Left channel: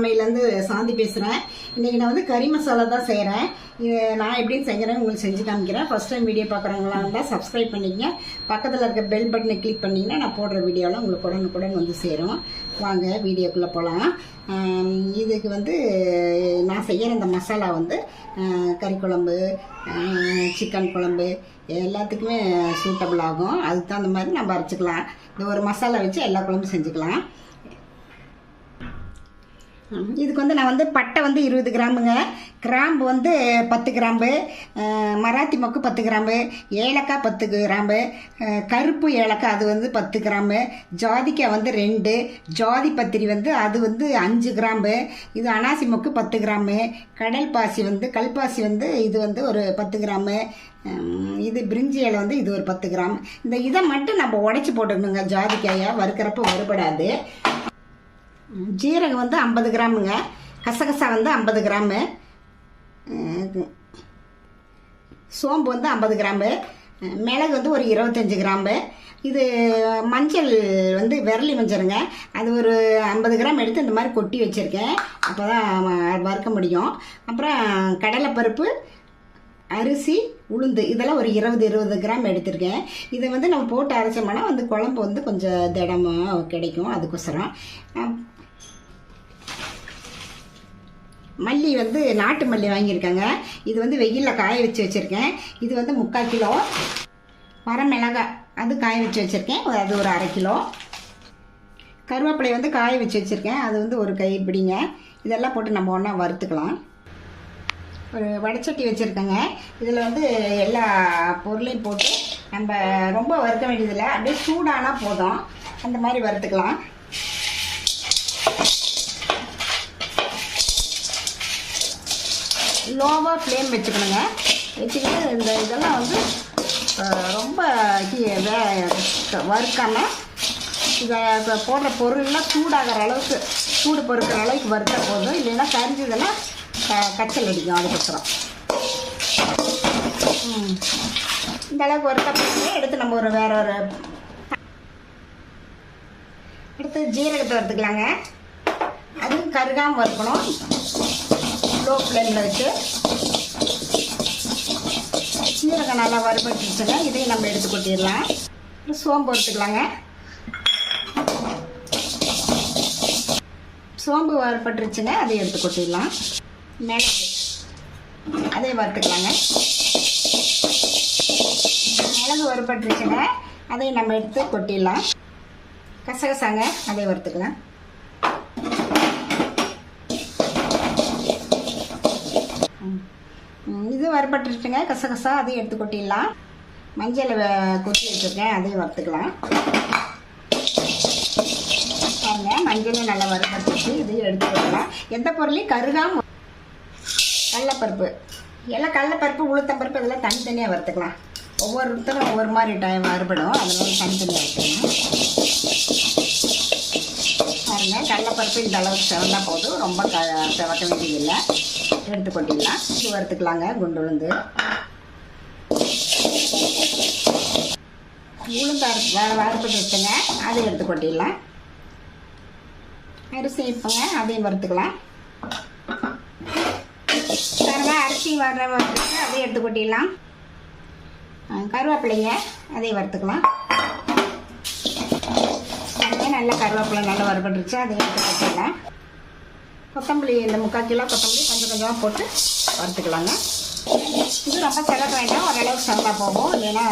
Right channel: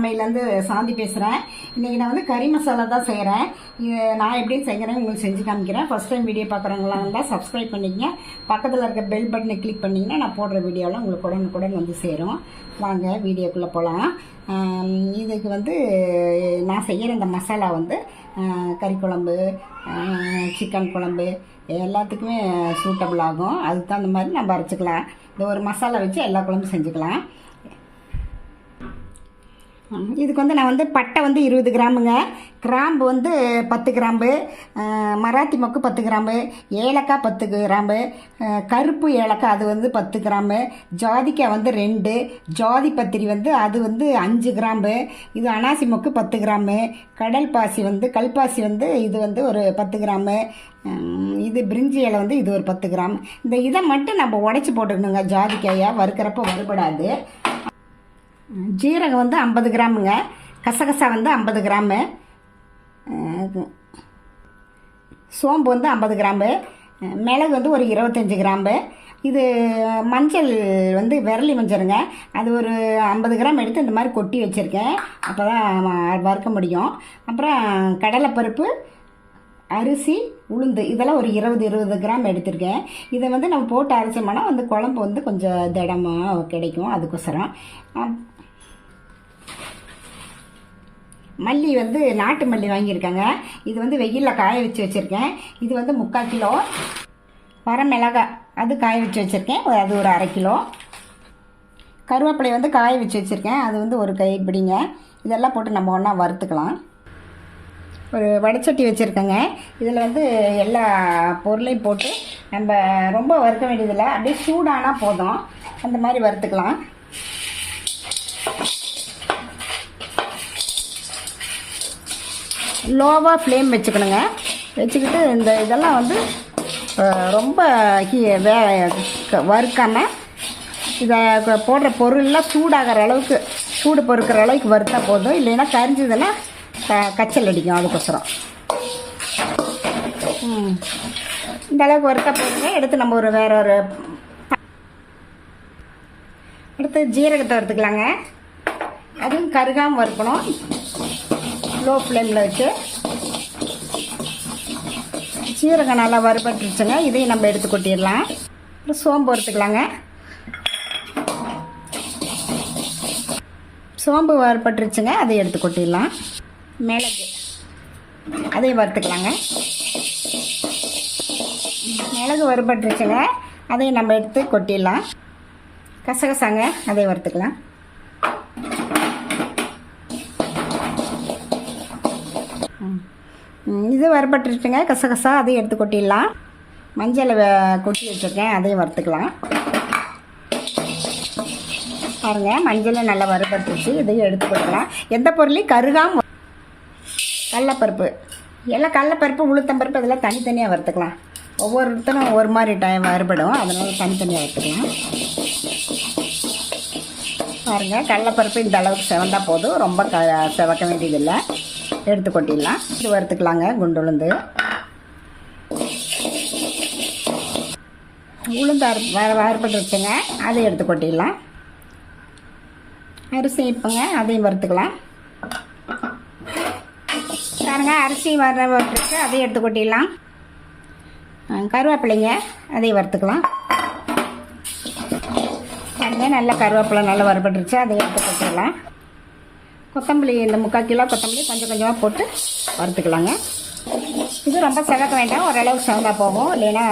சமையலேருந்து சாந்தி பேசுகிறேன். இன்றைக்கி நான் வந்து கறி மசாலா தான் செய்கிறேன். இது நான் எப்படின்னு செய்கிறேன்னு உங்களுக்கு செஞ்சு காமிக்கிறேன். ஃபஸ்ட் டைம் வீடியோ பார்க்குறவங்களாம் இருந்தால் சப்ஸ்கிரைப் பண்ணிக்கங்க. பக்கத்தில் இருக்க பெல் பட்டனை கிளிக் பண்ணிங்கன்னா நான் போடுற வீடியோலாம் உங்களுக்கு உடனுக்குடன் வந்து சேரும். வாங்க வீடியோக்குள்ளே போகலாம். இதுக்கு வந்து நான் செய்கிற இந்த மசாலா வந்து கறி குழம்பு, சிக்கன் குழம்பு எல்லாத்துக்குமே சூட்டபிள் ஆகும். அதுக்கு தகுந்த மாதிரி நம்ம அரைச்சிக்கலாம். இந்த ஒரு மசாலா வச்சு எல்லா குழம்பும் செஞ்சுக்கலாம். இதுக்கு வந்து நான் வந்து பட்டை வந்து 20 கிராமுங்க, கிராம்பு வந்து 10 கிராம்பு, மராத்தி மொக்கு 10 கிராம்பு, ஏலக்காய் 10 கிராம்பு, கருப்பு ஏலக்காய் அது வந்து 10 கிராம்பு, ஜாதிக்காய் வந்து 2, ஜாதி பத்திரி வந்து அது வந்து 5 கிராம்பு, இது அனாசி மொக்கு 10 கிராமு, கடல் பாசி வந்து கல்பாசி வந்து இது வந்து ஒரு 10 கிராமு, இது பிரிஞ்சி இலை வந்து இது ஒரு 10 கிராம். இந்த இதை மட்டும் நம்ம உடச்சி போட்டுக்கணுங்க. ஜாதிக்காயை வறுக்கிறப்ப வறுபடாது. ஜீரகம் வந்து 50 கிராமுங்க, கசகசா வந்து 50 கிராமு, சோம்பு வந்து 50 கிராம்பு, மிளகு வந்து ஒரு 25 கிராம்பு. இது மஞ்சள் வந்து விரலி மஞ்சளுங்க, அது ஒரு 50 கிராம் எடுத்து இந்த மாதிரி கொட்டி வச்சுருக்கேன். அப்போ தான் வறுக்க முடியும். அப்புறம் கடலைப்பருப்பு, அரிசி, உளுந்து இதெல்லாம் ஒரு 20 கிராம் எடுத்திருக்கேன். இதை வந்து நம்ம போட்டு அரைச்சோம்னா வந்து குழம்பு வந்து கொஞ்சம் திடமாக கிடைக்கும். அதுக்கோசரம் மல்லி வந்து நாட்டு மல்லி வாங்கியிருக்கேங்க. இது வந்து வெயிலில் காய வச்சு வச்சுருக்கேன். இது வந்து 3/4 கிலோ. வரமிளகாய் அது காய வச்சு வச்சுருக்கேன், அது ஒரு 1/2 கிலோ. கருவேப்பிலை வந்து காய வச்சு வச்சுருக்கேன், அது வந்து ஒரு கைப்பிடிங்க. இதெல்லாம் போட்டு நம்ம ஒன்றா வறுத்துக்கலாம். ஒரு வடைச்சட்டி வச்சுருக்கேங்க. இதில் வந்து எல்லா பொருளையும் போட்டு நம்ம ரொம்ப வறுக்க வேண்டியதில்லை, அப்படியே சூடானால் போதும். அந்த மாதிரி வறுத்துக்கலாம். லோவாக ஃப்ளேம் வச்சுக்கணுங்க. வச்சுக்கிட்டு இந்த இதெல்லாம் வந்து ரொம்ப வறுக்காமல் இதை போடுற பொருள்லாம் சூடாகிற அளவுக்கு, சூடு பொறுக்கிற அளவுக்கு வறுத்தா போதும். இல்லைன்னா கரிஞ்சதெல்லாம் கச்சல் அடிக்கும். அதுக்கப்புறம் இந்த அளவுக்கு வறுத்த போட்டு எடுத்து நம்ம ஒரு வேற ஒரு எடுத்து ஜீரகத்தை வறுத்துக்கலாங்க. அதுவும் கருகாமல் வறுக்கணும். லோ ஃப்ளேமில் வச்சு சீரகம் நல்லா வறுபட்டுருச்சுங்க. இதையும் நம்ம எடுத்து கொட்டிடலாம். சோம்பு வறுத்துக்கலாங்க. சோம்பு வறுபட்டுருச்சுங்க, அதை எடுத்து கொட்டிடலாம். மிளகு அதையும் வறுத்துக்கலாங்க. மிளகு வறுபட்டுருச்சுங்க, அதையும் நம்ம எடுத்து கொட்டிடலாம். கசகசாங்க அதையும் வறுத்துக்கலாம். இது வறுபட்டுருச்சுங்க, கசகசா அதையும் எடுத்து கொட்டிடலாம். மஞ்சள் கொட்டி வச்சுருக்கேன், அதையும் வறுத்துக்கலாம். பாருங்கள், மஞ்சளும் நல்லா வறுபட்டுருச்சு, இதையும் எடுத்து கொட்டலாம். எந்த பொருளையும் கருகாமல். கடலப்பருப்பு எல்லாம் கடலப்பருப்பு, உளுத்தம்பருப்பு இதெல்லாம் தனித்தனியாக வறுத்துக்கலாம். ஒவ்வொருத்தரும் ஒவ்வொரு மாதிரி டைம் வறுபடும், அதனால தனித்தனியாக வறுத்துக்கலாம். பாருங்கள், கடலப்பருப்பு இந்த அளவுக்கு செவந்தால் போதும், ரொம்ப செவக்க வேண்டியதில்லை. எடுத்து கொட்டிடலாம். இது வறுத்துக்கலாங்க. குண்டுளுந்து, உளுந்து வறுப்பட்டு வச்சுங்க, அதையும் எடுத்து கொட்டிடலாம். அரிசி இப்போங்க, அதையும் வறுத்துக்கலாம். பாருங்க, அரிசி வறுத்து அதையும் எடுத்து கொட்டிடலாம். கருவேப்பிலைங்க அதையும் வறுத்துக்கலாம். பாருங்க, நல்லா கருவேப்பிலை நல்லா வறுபட்டுருச்சு, அதையும் எடுத்து கொட்டிடலாம். கொத்தமல்லி இந்த 3/4 கிலோ கொத்தமல்லி கொஞ்சம் கொஞ்சமாக போட்டு வறுத்துக்கலாங்க. இது ரொம்ப செவக்க வேண்டாம், ஓரளவு செவந்தா போகும். இல்லைன்னா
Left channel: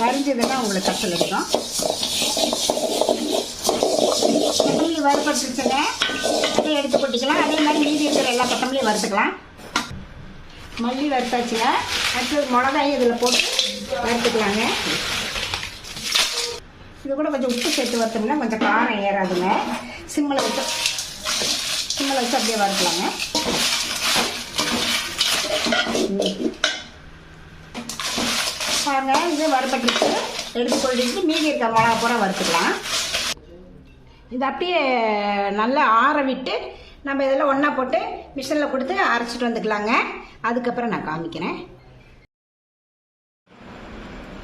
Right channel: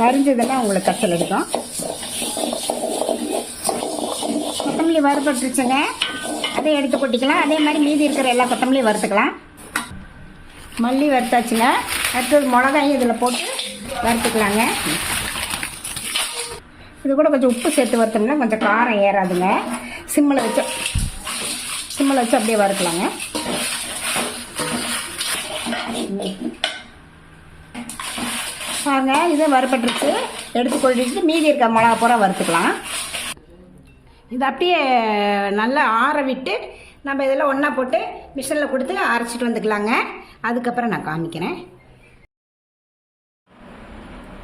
கரிஞ்சதுன்னா உங்களுக்கு கச்சல் எடுக்கும். கொத்தமல்லி வறுபட்டுருச்சுங்க, அதையும் எடுத்து கொட்டிக்கலாம். அதே மாதிரி மீதி இருக்கிற எல்லா கொத்தமல்லியும் வறுத்துக்கலாம். மல்லி வறுத்தாச்சுங்க. அடுத்தது மிளகாயும் இதில் போட்டு வறுத்துக்கலாங்க. இது கூட கொஞ்சம் உப்பு சேர்த்து வறுத்தோம்னா கொஞ்சம் காரம் ஏறாதுங்க. சிம்மில் வச்சு அப்படியே வறுக்கலாங்க. பாருங்க, இதை வறுபட்டுருச்சு, எடுத்து கொட்டிட்டு மீதி இருக்க மிளகா பூரா வறுத்துக்கலாம். இதை அப்படியே நல்லா ஆற விட்டு நம்ம இதெல்லாம் ஒன்றா போட்டு மிஷினில் கொடுத்து அரைச்சிட்டு வந்துக்கலாங்க. அதுக்கப்புறம் நான் காமிக்கிறேன்.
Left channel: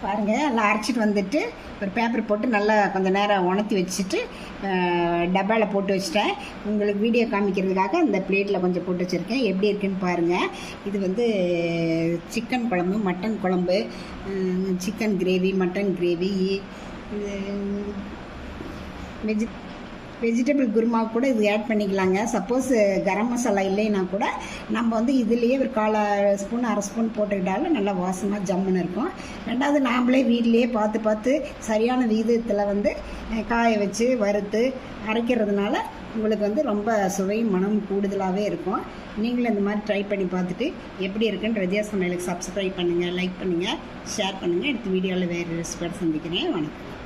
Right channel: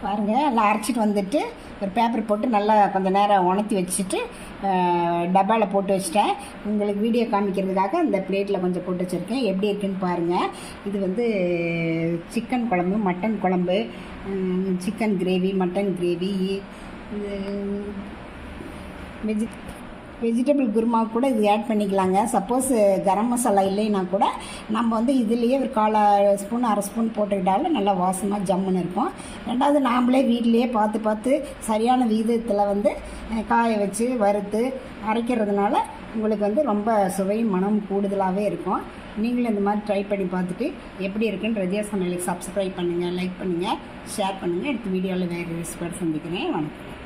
பாருங்கள், நல்லா அரைச்சிட்டு வந்துட்டு ஒரு பேப்பர் போட்டு நல்லா கொஞ்சம் நேரம் உணர்த்தி வச்சுட்டு டப்பாவில் போட்டு வச்சிட்டேன். உங்களுக்கு வீடியோ காமிக்கிறதுக்காக இந்த பிளேட்டில் கொஞ்சம் போட்டு வச்சுருக்கேன். எப்படி இருக்குன்னு பாருங்கள். இது வந்து சிக்கன் குழம்பு, மட்டன் குழம்பு, சிக்கன் கிரேவி, மட்டன் கிரேவி, இது வெஜிடபிள் குருமா கூட இது ஆட் பண்ணிக்கலாங்க. சப்போஸ் கரம் மசாலா இல்லைன்னா கூட நம்ம வந்து இதுலேயே ஒரு 1/4 ஸ்பூன் 1/2 ஸ்பூன் போட்டுக்கிட்டாலும் நல்லா வாசமாக ஜம்முன்னு இருக்கும். ரெண்டாவது நாம்ளே வீட்லேயே பார்த்து சரியான விகிதத்தில் வந்து காய வச்சு வறுத்து அரைக்கிறதுனால உங்களுக்கு வந்து ரொம்ப சுவையும் மனம் கூடுதலாகவே இருக்கும். நீங்களும் இந்த மாதிரி ட்ரை பண்ணி பார்த்துட்டு எப்படி இருக்குன்னு ரஜியா சமையலுக்கு சப்ஸ்கிரைப் பண்ணுங்கள், லைக் பண்ணுங்கள், ஷேர் பண்ணுங்கள். அடுத்த வீடியோவில் வேறு ரெசிபியோட சந்திக்கிறேன். வணக்கம்.